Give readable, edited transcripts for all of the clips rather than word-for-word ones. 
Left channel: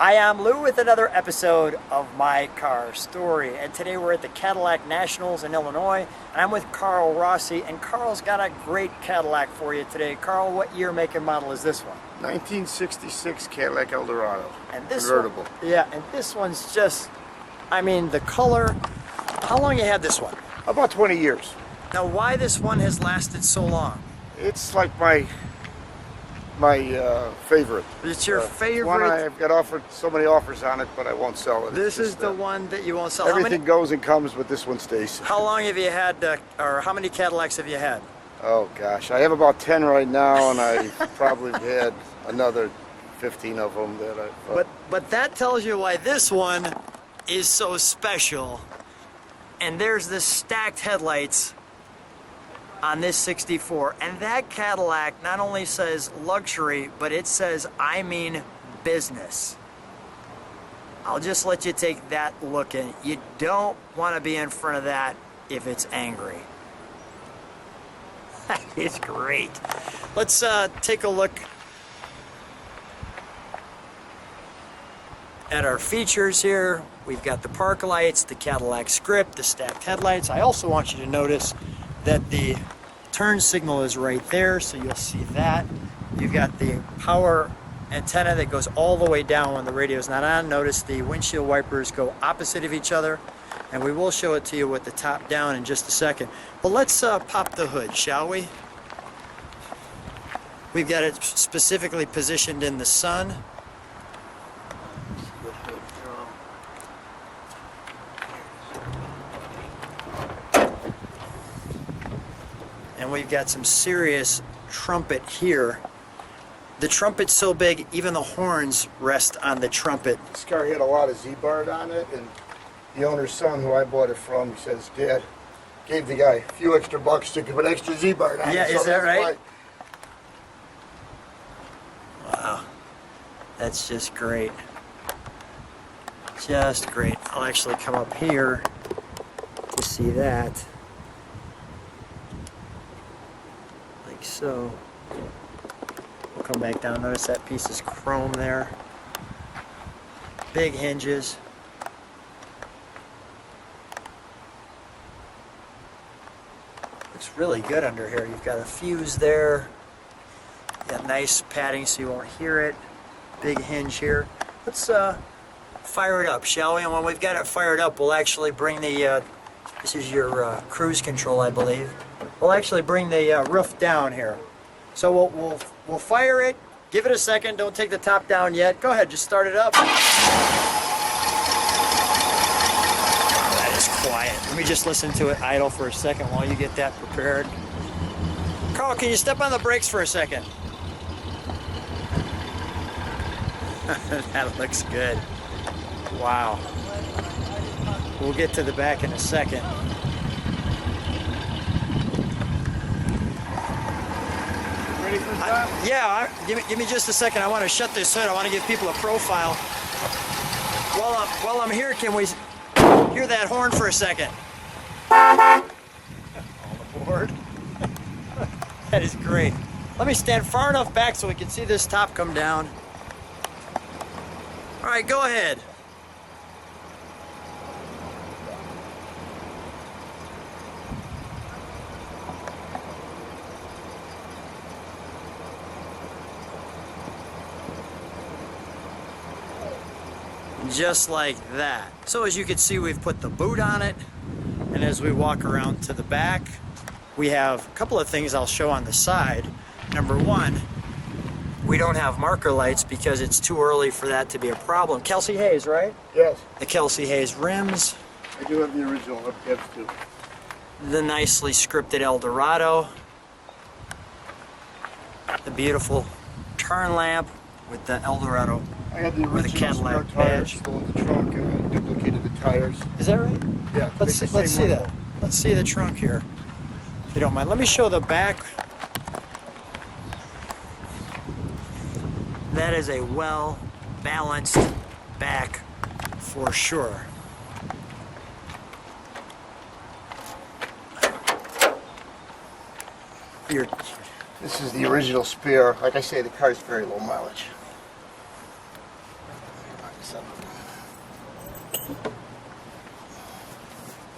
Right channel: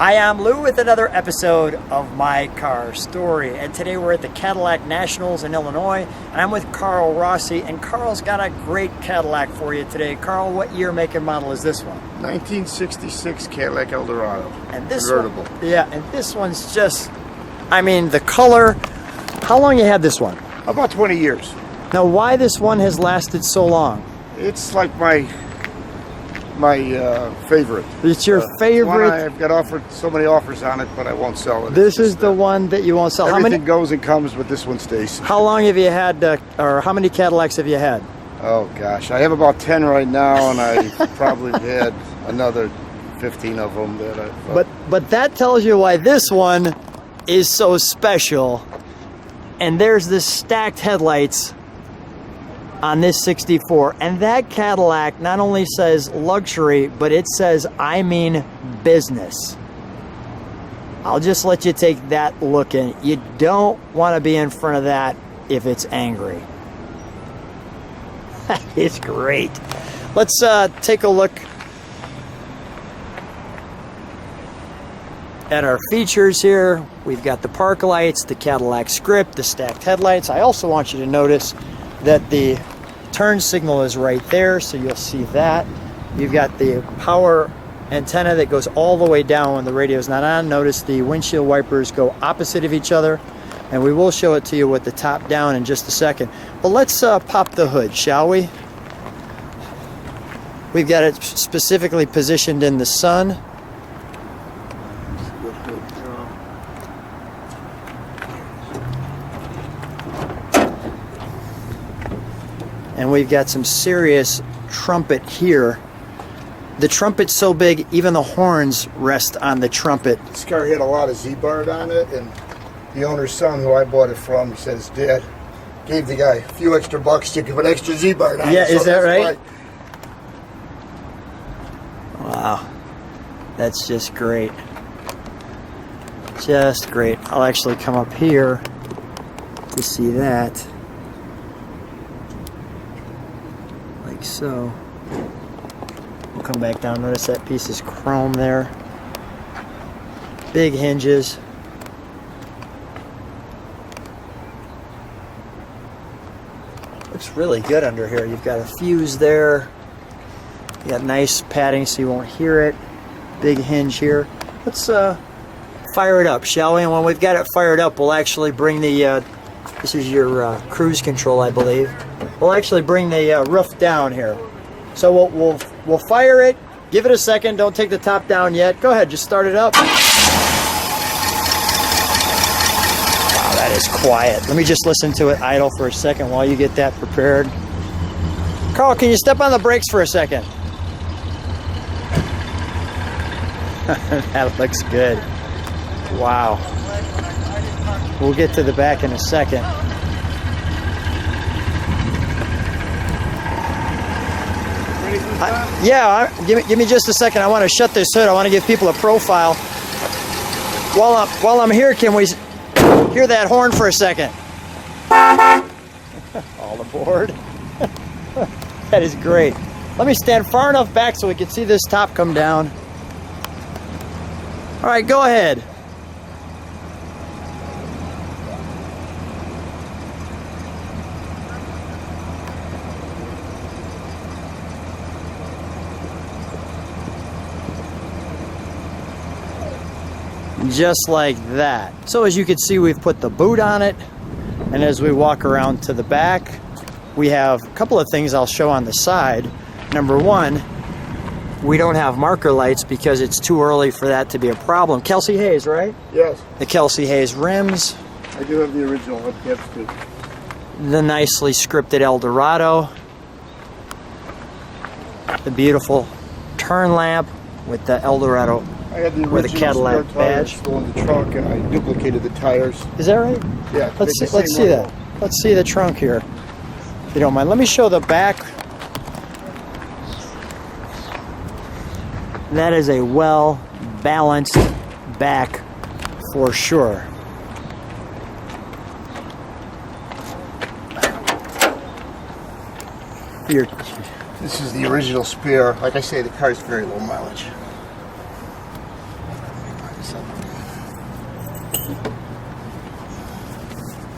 Hi, I'm Lou with another episode of My Car Story, and today we're at the Cadillac Nationals in Illinois, and I'm with Carl Rossi, and Carl's got a great Cadillac for you today. Carl, what year, make, and model is this one? 1966 Cadillac Eldorado And this Convertible. Yeah, and this one's just, I mean, the color. How long you had this one? About 20 years. Now, why this one has lasted so long? It's like my favorite. It's your favorite? It's one I've got offered so many offers on it, but I won't sell it. This is the one that you won't sell. Everything goes and comes, but this one stays. How long have you had, or how many Cadillacs have you had? Oh gosh, I have about 10 right now, and I probably had another 15 of them that I. But that tells you why this one is so special. And there's this stacked headlights on this 64, and that Cadillac not only says luxury, but it says I mean business. I'll just let you take that look in. You don't want to be in front of that if it's angry. It's great. Let's take a look at our features here. We've got the park lights, the Cadillac script, the stacked headlights. I also want you to notice that the turn signal is right there, so you'll see that. You've got the power antenna that goes all the way down when the radio is not on. Notice the windshield wipers go opposite of each other, and we will show it to you with the top down in just a second. But let's pop the hood, shall we? We've got it specifically positioned in the sun. And we've got some serious trumpet here. The trumpet's so big, even the horns rest on the trumpet. This car had a lot of Z-Bar on it, and the owner's son, who I bought it from, he said his dad gave the guy a few extra bucks to give an extra Z-Bar on it. Yeah, is that right? Why. Wow, that's just great. Just great. I'll actually come up here to see that. Like so. We'll come back down. Notice that piece is chrome there. Big hinges. Looks really good under here. You've got a fuse there. You got nice padding so you won't hear it. Big hinge here. Let's fire it up, shall we? And when we've got it fired up, we'll actually bring the this is your cruise control, I believe. We'll actually bring the roof down here. So we'll fire it. Give it a second. Don't take the top down yet. Go ahead. Just start it up. That is quiet. Let me just listen to it idle for a second while you get that prepared. Carl, can you step on the brakes for a second? That looks good. Wow. We'll get to the back in a second. Ready for the start? Yeah, give me just a second. I want to shut this hood. I want to give people a profile. While I'm here, can we hear that horn for a second? All aboard. That is great. Let me stand far enough back so we can see this top come down. All right, go ahead. Just like that. So as you can see, we've put the boot on it, and as we walk around to the back, we have a couple of things I'll show on the side. Number one, we don't have marker lights because it's too early for that to be a problem. Kelsey Hayes, right? Yes. The Kelsey Hayes rims. I do have the original hubcaps too. The nicely scripted Eldorado. The beautiful turn lamp with the Eldorado. I had the With a original Cadillac spare tires badge. still in the trunk, and I duplicated the tires. Is that right? Yeah. Let's see that. Let's see the trunk here, if you don't mind. Let me show the back. And that is a well-balanced back for sure. This is the original spare. Like I say, the car's very low mileage. So.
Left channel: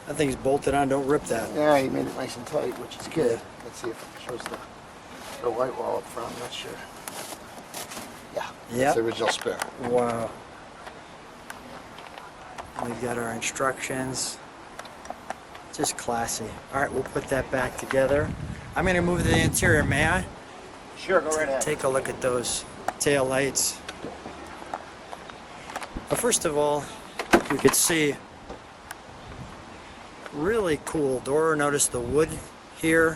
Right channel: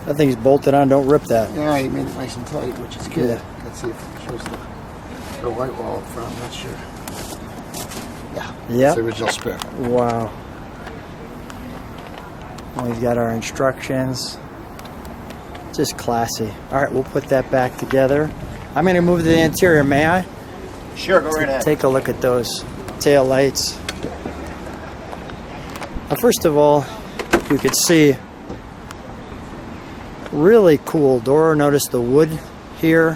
That thing's bolted on. Don't rip that. Yeah, he made it nice and tight, which is good. Let's see if it shows the white wall up front. I'm not sure. Yeah, it's the original spare. Wow. And we've got our instructions. Just classy. All right, we'll put that back together. I'm going to move to the interior, may I? Sure, go right ahead. Take a look at those tail lights. Well, first of all, you could see really cool door. Notice the wood here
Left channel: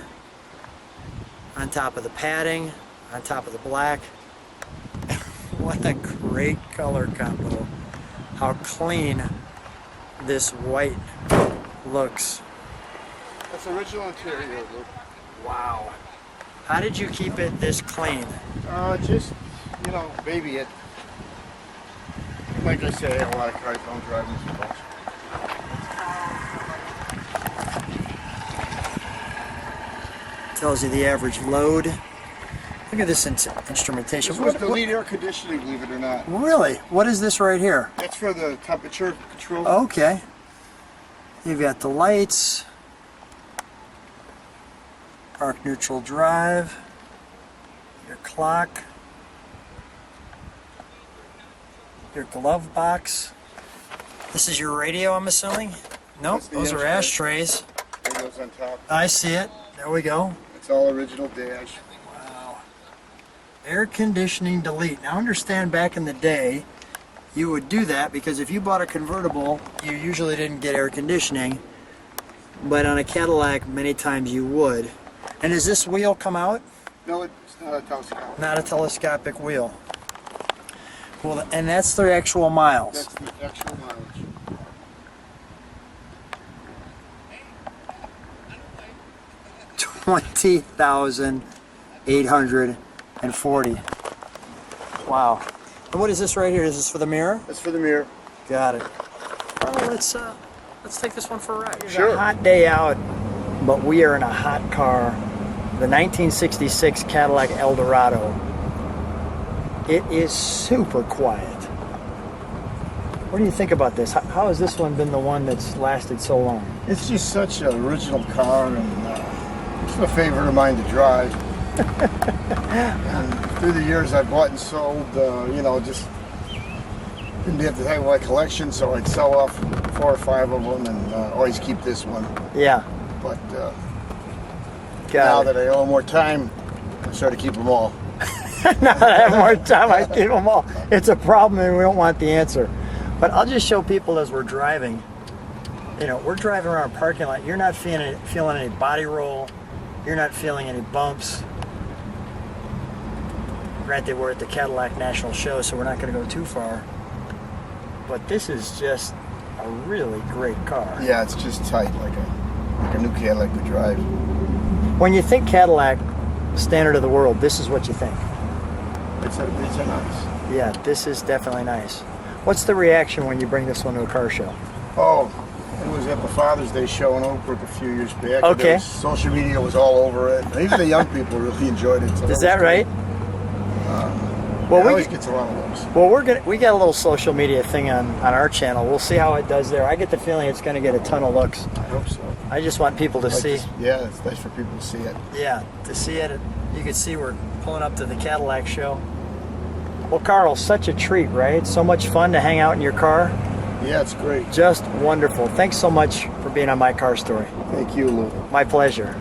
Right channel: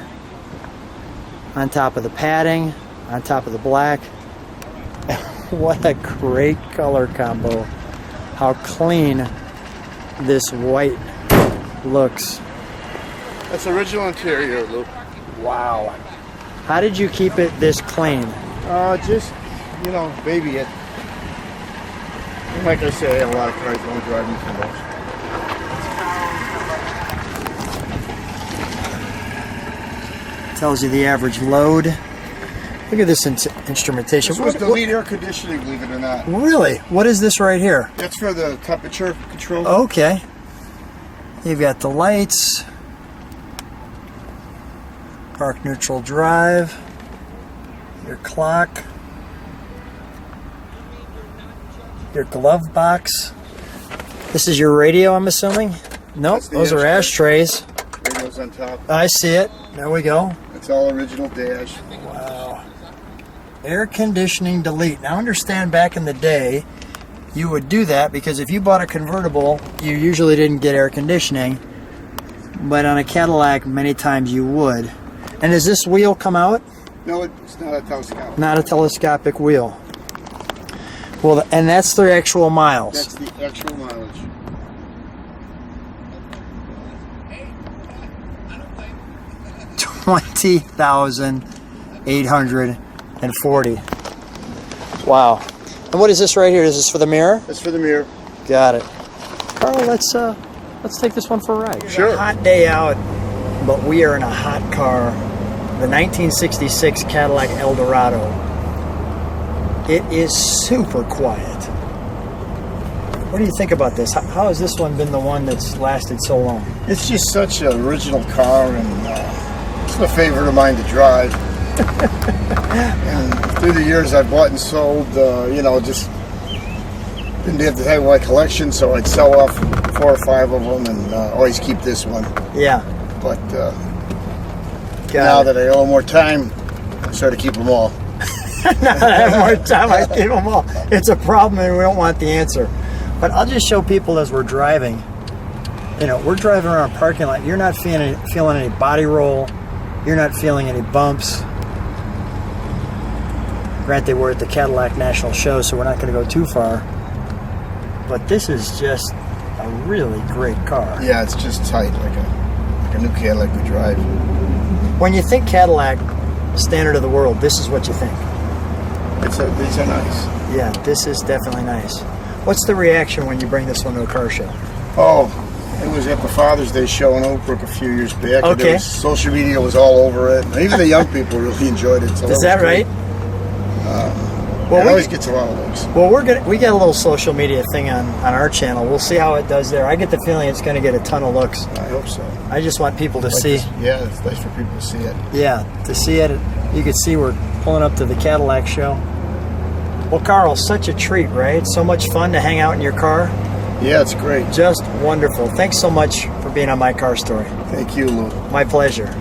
on top of the padding, on top of the black. What a great color combo. How clean this white looks. That's original interior, Luke. Wow. How did you keep it this clean? Just, baby it. Like I say, a lot of cars don't drive me for those. Tells you the average load. Look at this instrumentation. This was the lead air conditioning, believe it or not. Really? What is this right here? That's for the temperature control. Okay. You've got the lights. Park neutral drive. Your clock. Your glove box. This is your radio, I'm assuming? Nope, those are ashtrays. Radio's on top. I see it. There we go. It's all original dash. Wow. Air conditioning delete. Now understand, back in the day, you would do that because if you bought a convertible, you usually didn't get air conditioning. But on a Cadillac, many times you would. And does this wheel come out? No, it's not a telescopic. Not a telescopic wheel. Well, and that's the actual miles. That's the actual mileage. $20,840. Wow. And what is this right here? Is this for the mirror? That's for the mirror. Got it. All right, let's take this one for a ride. Sure. It's a hot day out, but we are in a hot car. The 1966 Cadillac Eldorado. It is super quiet. What do you think about this? How has this one been the one that's lasted so long? It's just such an original car, and it's a favorite of mine to drive. And through the years, I've bought and sold, just didn't have to have my collection, so I'd sell off 4 or 5 of them and always keep this one. Yeah. But now that I owe more time, I started to keep them all. Now that I have more time, I keep them all. It's a problem and we don't want the answer. But I'll just show people as we're driving. We're driving around a parking lot. You're not feeling any body roll. You're not feeling any bumps. Granted, we're at the Cadillac National Show, so we're not going to go too far. But this is just a really great car. Yeah, it's just tight, like a new Cadillac we drive. When you think Cadillac, standard of the world, this is what you think. These are nice. Yeah, this is definitely nice. What's the reaction when you bring this one to a car show? Oh, it was at the Father's Day show in Oakbrook a few years back. Okay. Social media was all over it. And even the young people really enjoyed it. So is that right? Well, it always gets a lot of looks. Well, we got a little social media thing on our channel. We'll see how it does there. I get the feeling it's going to get a ton of looks. I hope so. I just want people to see. Yeah, it's nice for people to see it. Yeah, to see it. You can see we're pulling up to the Cadillac show. Well, Carl, such a treat, right? So much fun to hang out in your car. Yeah, it's great. Just wonderful. Thanks so much for being on My Car Story. Thank you, Lou. My pleasure.